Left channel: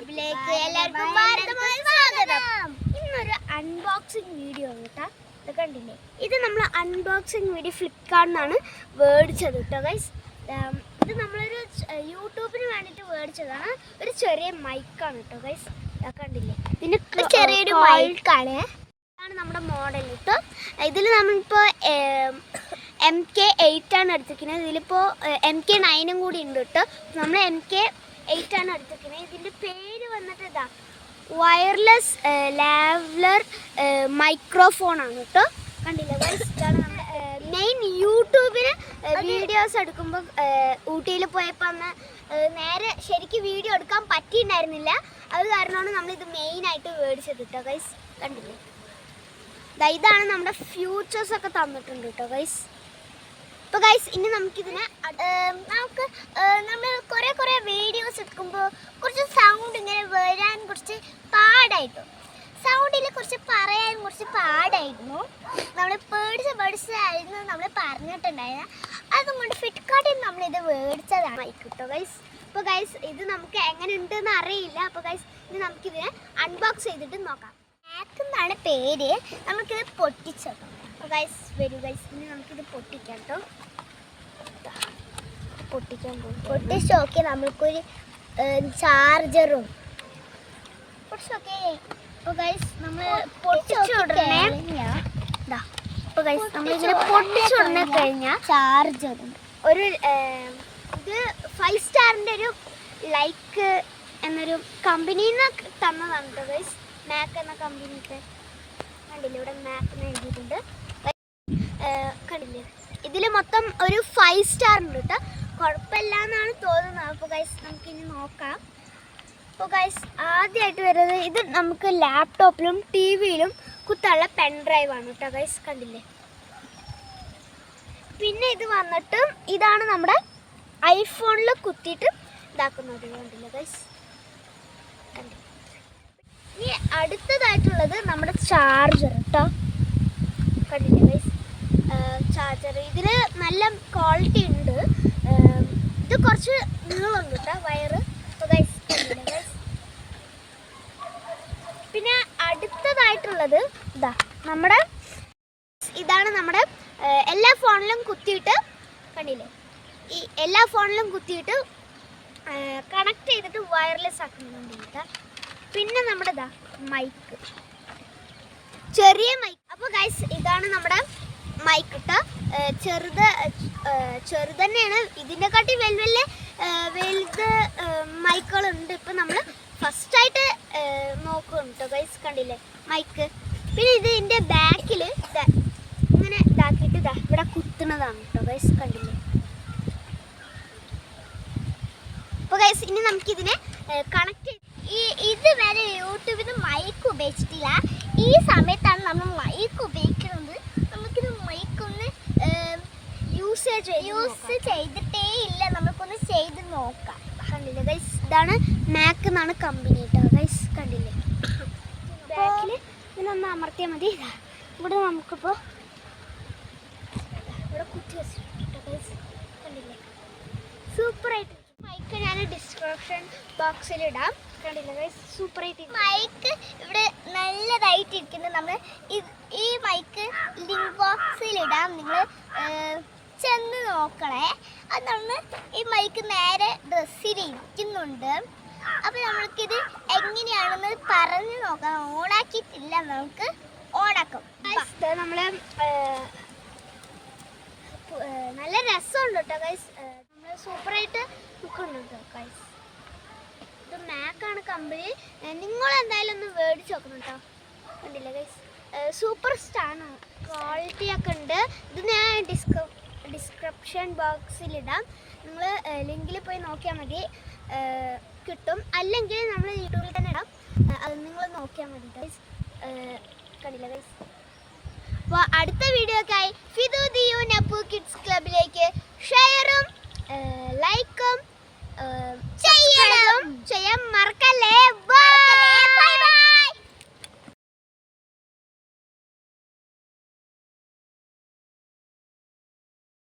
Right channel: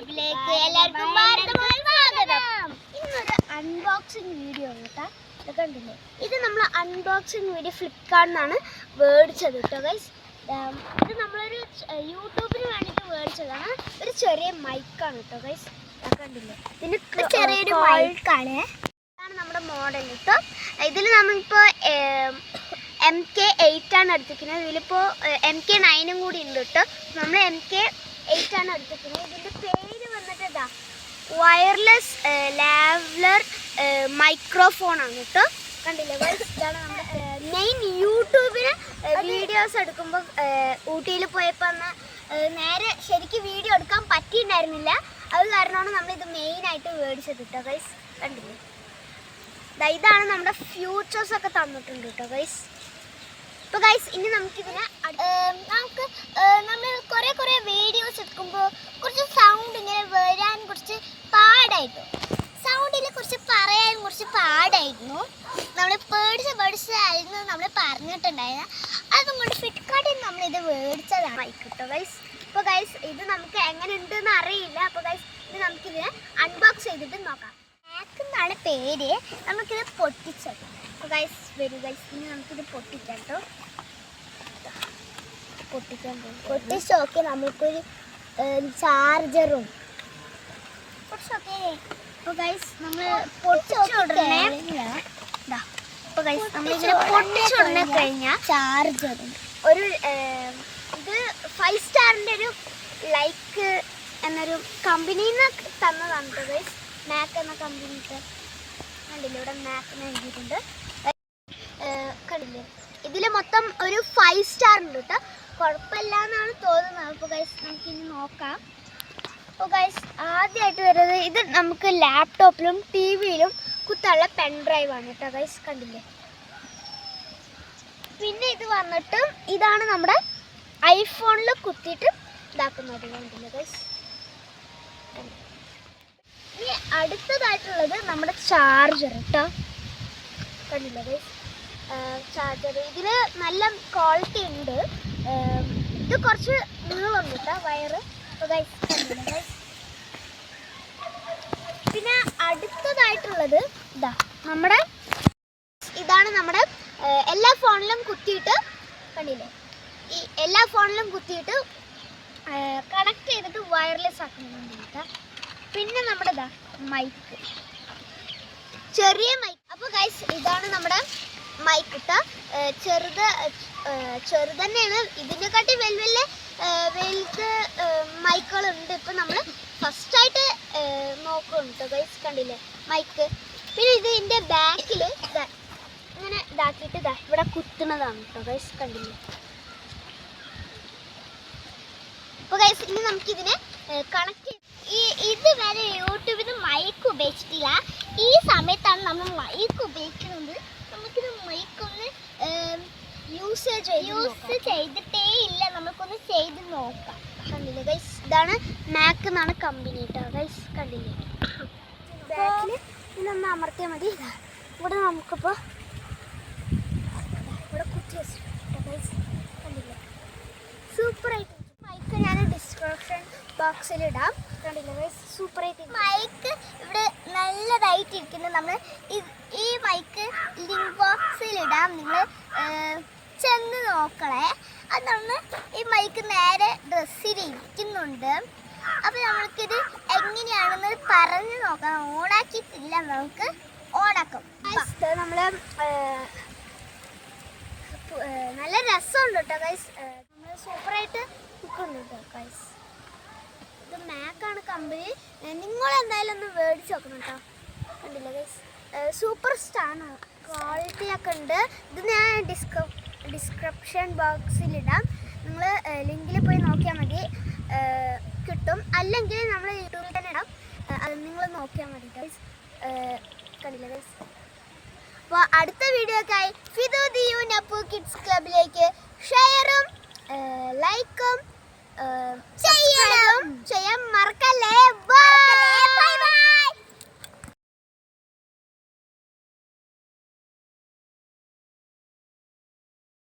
ക്ലബിലേക്ക് എല്ലാവർക്കും ഭാരതമായ സ്വാഗതം. ഇന്നൊരു അൺബോക്സിങ് വീഡിയോ ആണ് കേട്ടോ. ഇത് കണ്ടില്ലേ, ഇത് നമ്മൾ അൺബോക്സിങ് വീഡിയോ ഫ്ലിപ്കാർട്ടിൽ നിന്നാണ് മേടിച്ചത് കേട്ടോ ഗൈസ്. ഇത് നമ്മളൊരു യൂട്യൂബിന് വേണ്ടിയിട്ട് മേടിച്ചതാണ്. ഒരു ചെറിയ മൈക്കാണ് കേട്ടോ ഗൈസ്. കണ്ടില്ലേ, ഇതിന് ചെറിയൊരു മൈക്കാണ്. ഇതാണ് നമ്മുടെ മോഡൽ കേട്ടോ. ഇതിൽ നമ്മളിപ്പോൾ MK8 ആണ് എടുത്തിരിക്കുന്നത്. ഇതിലിപ്പോൾ MK9 കൂടി ഉണ്ട് കേട്ടോ. നമ്മൾ MK8 ആണ് എടുത്തിരിക്കുന്നത്. ഇതിൻ്റെ പേര് വന്നിട്ട് ഇതാ വയർലെസ് ലാവലർ മൈക്രോഫോൺ ആണ് കേട്ടോ. കണ്ടില്ലേ ഗൈസ്, ഇതാണ് നമ്മുടെ മെയിൻ യൂട്യൂബിന് വീഡിയോസ് എടുക്കുമ്പോൾ ഊട്ടിയിൽ പോയപ്പോൾ അന്ന് നേരെ ശരിക്കും വീഡിയോ എടുക്കാൻ പറ്റിയിട്ടുണ്ടായിരുന്നില്ല. അത് കാരണമാണ് നമ്മളിത് മെയിനായിട്ട് മേടിച്ചത് കേട്ടോ ഗൈസ്. കണ്ടില്ലേ, ഇതാണ് നമ്മുടെ ഫ്യൂച്ചേഴ്സ് ഒക്കെ തന്നിട്ടുണ്ട് കേട്ടോ ഗൈസ്. അപ്പോൾ ഗൈസ്, ഇനി നമുക്കിതിനെ നമ്മൾ കുറേ വീഡിയോസ് എടുക്കുമ്പോൾ കുറച്ച് സൗണ്ട് ഇങ്ങനെ വരാൻ കുറച്ച് പാടായിരുന്നു. സൗണ്ടിൽ കുറച്ച് പറയാൻ കുറച്ച് പാടായിരുന്നു. നമ്മൾ പേടിച്ചായിരുന്നു നമ്മൾ പറഞ്ഞിട്ടുണ്ടായിരുന്നു. അതുകൊണ്ട് ഫ്ലിപ്കാർട്ടിൽ നമ്മളിത് മേടിച്ചതാണ് മൈക്ക് കേട്ടോ ഗൈസ്. അപ്പോൾ ഗൈസ്, ഇത് നമുക്ക് എങ്ങനെ ഉണ്ടെന്ന് അറിയില്ല. അപ്പോൾ ഗൈസ്, ഇത് നമുക്കിതിനെ അൺബോക്സ് ചെയ്തിട്ട് നോക്കാം. മാക്ക് എന്നാണ് പേര്. നമുക്കിത് പൊട്ടിച്ചോക്കാം. അപ്പോൾ ഗൈസ് വരൂ ഗൈസ്, ഇനി നമുക്കിത് പൊട്ടിക്കാം കേട്ടോ. പൊട്ടിച്ച് നോക്കി നമുക്കൊരു ചാർജറും പൊട്ടിച്ചോക്കേ. അപ്പോൾ ഗൈസ്, നമ്മൾ പൊട്ടിച്ചുടനെ കഴിഞ്ഞാൽ ചാർജറും ഒരു ഇത് 5 സ്റ്റാറിൻ്റെ ഒരു ലൈക്ക് എന്നൊരു കമ്പനിയിൽ നിന്ന് തന്നതാണ് കേട്ടോ ഗൈസ്. മാക്ക് എന്ന കമ്പനിക്ക് കണ്ടില്ലേ, ഇവിടെ മാക്ക് എഴുതിയിട്ടുണ്ട്. കണ്ടില്ലേ, ഇതിൽ മൊത്തം ഒരു 5 സ്റ്റാർ ഉണ്ട് കേട്ടോ. കുഴപ്പമില്ല എന്നാണ് തോന്നുന്നത്. അപ്പോൾ ഗൈസ്, നമുക്കിനി നോക്കാം. അപ്പോൾ ഗൈസ്, ആദ്യമായിട്ട് വരുന്നത് ഇത് നമുക്ക് ലാപ്ടോപ്പിലും TV-യിലും കുത്താനുള്ള പെൻ ഡ്രൈവാണ് കേട്ടോ ഗൈസ്. കണ്ടില്ലേ, പിന്നെ ഇത് വന്നിട്ട് ഇതാണ് നമ്മുടെ ഐഫോണിൽ കുത്തിയിട്ട് ഇതാക്കുന്നത്. കണ്ടില്ലേ ഗൈസ്. ഇനി അടുത്തതായിട്ടുള്ളത് നമ്മുടെ ചാർജർ കേട്ടോ. കണ്ടില്ലേ ഗൈസ്, ചാർജർ ഇതിൽ നല്ല ക്വാളിറ്റി ഉണ്ട്. ഇത് കുറച്ച് നീളമുണ്ട് കേട്ടോ വയറ്. ഗൈസ്, കണ്ടില്ലേ ഗൈസ്. പിന്നെ അടുത്തതായിട്ടുള്ളത് ഇതാണ് നമ്മുടെ എല്ലാ ഫോണിലും കുത്തിയിട്ട് കണ്ടില്ലേ, ഈ എല്ലാ ഫോണിലും കുത്തിയിട്ട് കണക്ട് ചെയ്തിട്ട് വയർലെസ് ആക്കുന്നുണ്ട് കേട്ടോ. പിന്നെ നമ്മുടെ മൈക്ക്, ചെറിയ മൈക്ക്. അപ്പോൾ ഗൈസ്, ഇതാണ് നമ്മുടെ മൈക്ക് കേട്ടോ. ചെറുത് തന്നെയാണ്. ഇതിനെക്കാട്ടി വലുത് മൈക്കുകളുണ്ട്. ഇപ്പം നമ്മൾ ഫസ്റ്റായിട്ട് നോക്കുന്നുണ്ട് കേട്ടോ ഗൈസ്. കണ്ടില്ലേ മൈക്ക്. പിന്നെ ഇതിൻ്റെ ബാക്കിൽ ഇങ്ങനെ ഇതാക്കിയിട്ട് ഇവിടെ കുത്തുന്നതാണ് കേട്ടോ ഗൈസ്. കണ്ടില്ലേ. അപ്പോൾ ഗൈസ്, ഇനി നമുക്കിതിനെ കണക്ട് ഇതുവരെ യൂട്യൂബിൽ നിന്ന് മൈക്ക് ഉപയോഗിച്ചിട്ടില്ല. ഈ സമയത്താണ് നമ്മൾ മൈക്ക് ഉപയോഗിക്കുന്നത്. നമുക്കിത് മൈക്കൊന്ന് യൂസ് ചെയ്തിട്ടേ ഇല്ല. നമുക്കൊന്ന് ചെയ്ത് നോക്കാം. കണ്ടില്ലേ ഗൈസ്, ഇതാണ് മാക്ക് എന്നാണ് കമ്പനി കേട്ടോ ഗൈസ്. കണ്ടില്ലേ, ബാക്കിൽ ഇതിനൊന്ന് അമർത്തിയാൽ മതി. ഇവിടെ നമുക്കിപ്പോൾ ഇവിടെ കുത്തി വെച്ചിട്ടോ ഗൈസ്. കണ്ടില്ലേ, സൂപ്പറായിട്ട്. മൈക്ക് ഞാൻ ഡിസ്ക്രിപ്ഷൻ ബോക്സിൽ ഇടാം. കണ്ടില്ലേ ഗൈസ്, സൂപ്പറായിട്ട്. മൈക്ക് ഇവിടെ നല്ലതായിട്ട് ഇരിക്കുന്നത്. നമ്മൾ ഈ മൈക്ക് ലിങ്ക് ബോക്സിൽ ഇടാം. നിങ്ങൾ ചെന്ന് നോക്കണേ. അത് നമ്മൾ ഈ മൈക്ക് നേരെ ഡ്രസ്സിൽ ഇരിക്കുന്നുണ്ട്. അപ്പോൾ നമ്മൾക്കിത് എങ്ങനെയാണെന്ന് പറഞ്ഞു നോക്കാം. ഓണാക്കിയിട്ടില്ല, നമുക്ക് ഓണാക്കും. നമ്മൾ നല്ല രസമുണ്ട് കേട്ടോ ഗൈസ്. നമ്മൾ സൂപ്പറായിട്ട് നിൽക്കുന്നുണ്ട് കേട്ടോ ഗൈസ്. ഇത് മാക്കാണ് കമ്പനി. നിങ്ങൾ എന്തായാലും ഒന്ന് മേടിച്ച് നോക്കണം കേട്ടോ. കണ്ടില്ല ഗൈസ്, സൂപ്പർ സ്റ്റാറാണ്. ക്വാളിറ്റി ഒക്കെ ഉണ്ട്. ഇത് ഞാൻ ഡിസ്ക്രിപ്ഷൻ ബോക്സിലിടാം. നിങ്ങൾ ലിങ്കിൽ പോയി നോക്കിയാൽ മതി, കിട്ടും. അല്ലെങ്കിൽ നമ്മൾ യൂട്യൂബിൽ തന്നെ ഇടാം. അത് നിങ്ങൾ നോക്കിയാൽ മതി ഗൈസ്. കണ്ടില്ല ഗൈസ്. അപ്പോൾ അടുത്ത വീഡിയോക്കായി ഫിദു ദിയു നപ്പു കിഡ്സ് ക്ലബിലേക്ക് ഷെയറും ലൈക്കും ചെയ്യാൻ മറക്കല്ലേ. ബൈ.